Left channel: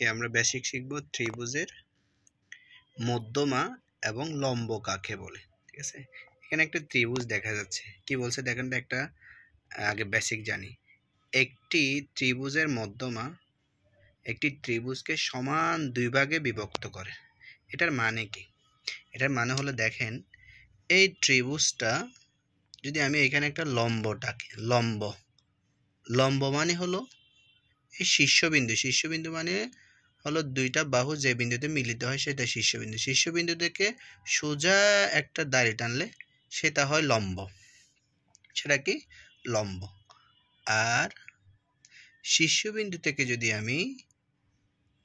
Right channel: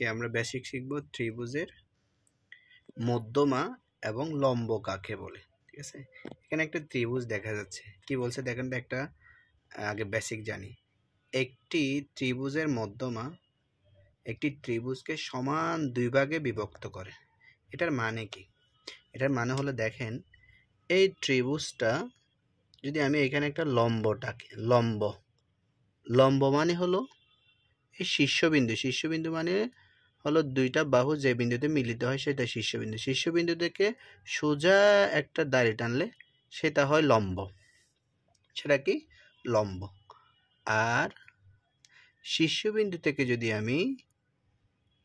আজকে আমরা বেসিক শিখব ত্রিভুজের মধ্যমা এবং লম্ব কাকে বলে। ঠিক আছে, এখানে একটা ত্রিভুজ দেখা যাচ্ছে। কি বলছে দেখেন তো, একটা আগে বেসিক জানি। একটি ত্রিভুজের মধ্যমা একটি ত্রিভুজকে সমান দুই ভাগে বিভক্ত করে। এটার মানে কি? এটার মানে হলো দেখেন, এই ত্রিভুজটা যদি আমি এখানে একটা লম্বটাকে লম্ব মানে হলো এই শীর্ষবিন্দু মানে হলো দুইটা বাহু যে বিন্দুতে মিলিত হয় সেটা শীর্ষবিন্দু থেকে সোজা একটা দাড়ি টানলে সেটা হয় লম্ব, সেটা কি লম্ব। আর শীর্ষবিন্দু থেকে যদি আমি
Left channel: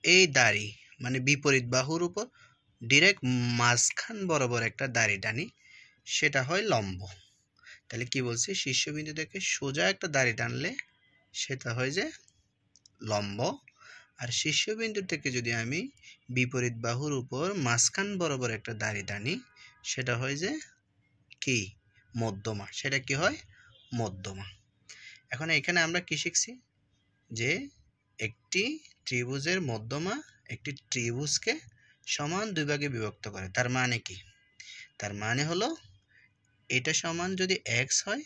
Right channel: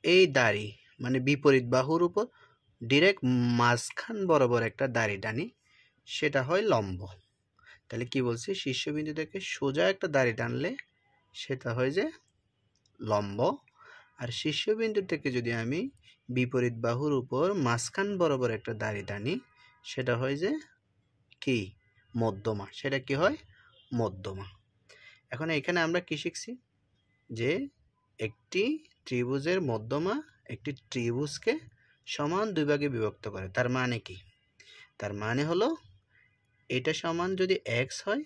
এই দাড়ি মানে বিপরীত বাহুর উপর ডিরেক্ট মাঝখান বরাবর একটা দাড়ি টানি সেটা হয় লম্ব। তাহলে কি বলছি, শীর্ষবিন্দু থেকে সোজা একটা দাড়ি টানলে সেটা হয় যে লম্ব। আর শীর্ষবিন্দু থেকে যদি আমি বিপরীত বাহুর উপর মাঝখান বরাবর একটা দাড়ি টানি সেটা হয় যে কি মধ্যমা, সেটা কি হয় মধ্যমা। এখন এখানে আমরা কি শিখছি, যে একটি ত্রিভুজের মধ্যমা একটি ত্রিভুজকে সমান দুই ভাগে বিভক্ত করে। তার মানে কি? তার মানে হলো এটা সমান যদি এক্স হয়,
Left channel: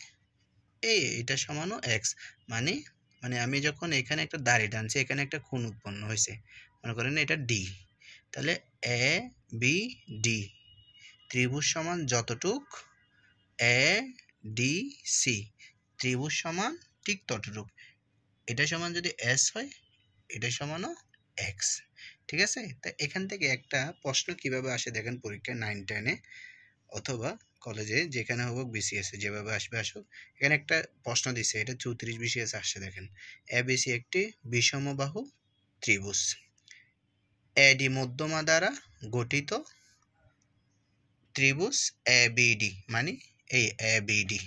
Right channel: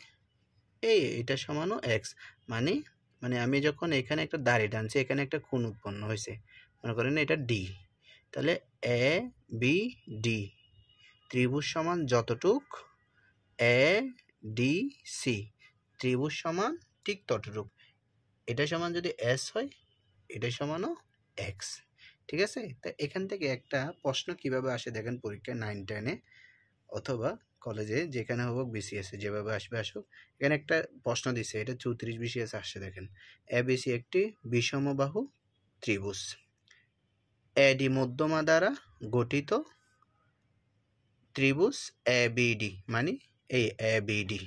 এটা সমানও এক্স, মানে মানে আমি যখন এখানে একটা দাড়ি টানছি এখানে একটা কোণ উৎপন্ন হয়েছে, মনে করেন এটা ডি, তাহলে এ বি ডি ত্রিভুজ সমান যতটুক এ ডি সি ত্রিভুজ সমান ঠিক ততটুক। এটা সমান যদি এস হয় এটা সমানও এক্স। ঠিক আছে, তা এখান থেকে একটা প্রশ্ন কিভাবে আসে দেখেন পরীক্ষায় 9-10-এ অথবা কলেজে যেখানে হোক বিসিএস যেভাবে আসবে আসুক, এখানে একটা প্রশ্ন দিচ্ছে, এটা 34 বিসিএস আসছে। দেখেন, এবিসি একটি বিষমবাহু ত্রিভুজ, এডি মধ্যমা দ্বারা গঠিত ত্রিভুজ এবিডি, মানে এই এবিডি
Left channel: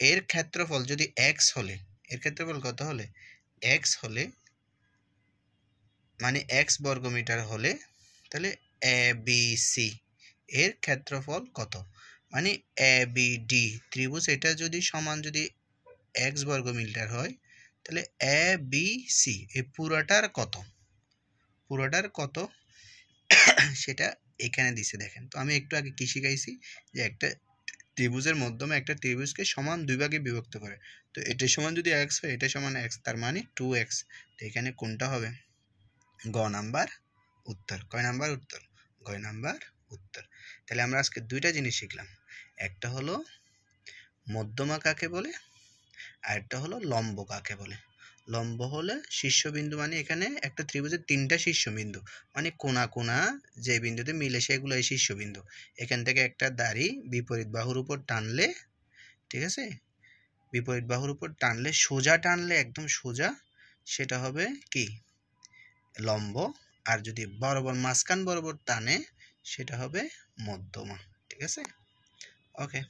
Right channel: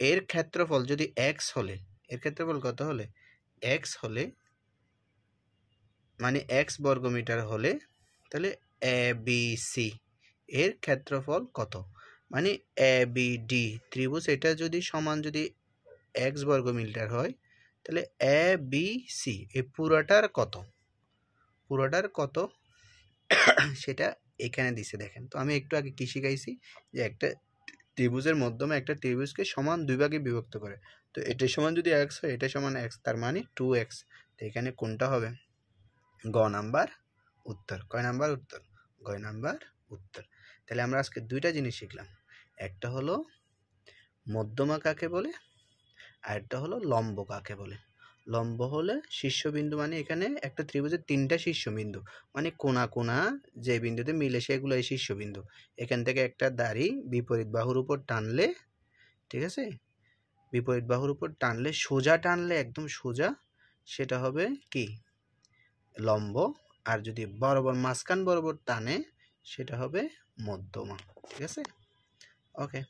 এর ক্ষেত্রফল যদি এক্স হলে, এর ক্ষেত্রফল কত হলে এক্স হলে, মানে এক্স বর্গমিটার হলে, তাহলে এবিসি এর ক্ষেত্রফল কত, মানে এবিডি ত্রিভুজ এটা যদি সমান যদি এক্স বর্গমিটার হয় তাহলে এবিসি এই পুরোটার কত সেটা এখানে দিছে। দেখেন তো, আমি একটু আগে কি শিখাইছি, যে একটা ত্রিভুজের মাধ্যমে একটা ত্রিভুজকে সমান দুই ভাগে বিভক্ত করে। তো এটা সমান যদি এক্স হয় এটা সমান এক্স, তার মানে 2x। তো এখানে কোনটা হবে? গ নাম্বার উত্তর। কয় নাম্বার উত্তর? গ নাম্বার উত্তর। তাহলে আমরা আজকে দুইটা জিনিস শিখলাম, একটা হলো মধ্যমা কাকে বলে, আর একটা হলো লম্ব কাকে বলে। লম্ব হলে শীর্ষবিন্দু, মানে এখানে একটা ত্রিভুজের তিনটা শীর্ষবিন্দু, মানে কোনা যে বিন্দুতে মিলে সেগুলো এই শীর্ষবিন্দু। এখান থেকে একটা দাড়ি বিপরীত বাহুর উপর টানলে, ঠিক আছে, বিপরীত বাহুর উপর টানলে সোজা টানলে একদম সোজা সেটা হবে কি লম্ব। আর যদি বরাবর মাঝখান বরাবর টানে সেটা হবে মধ্যমা। ঠিক আছে, ওকে।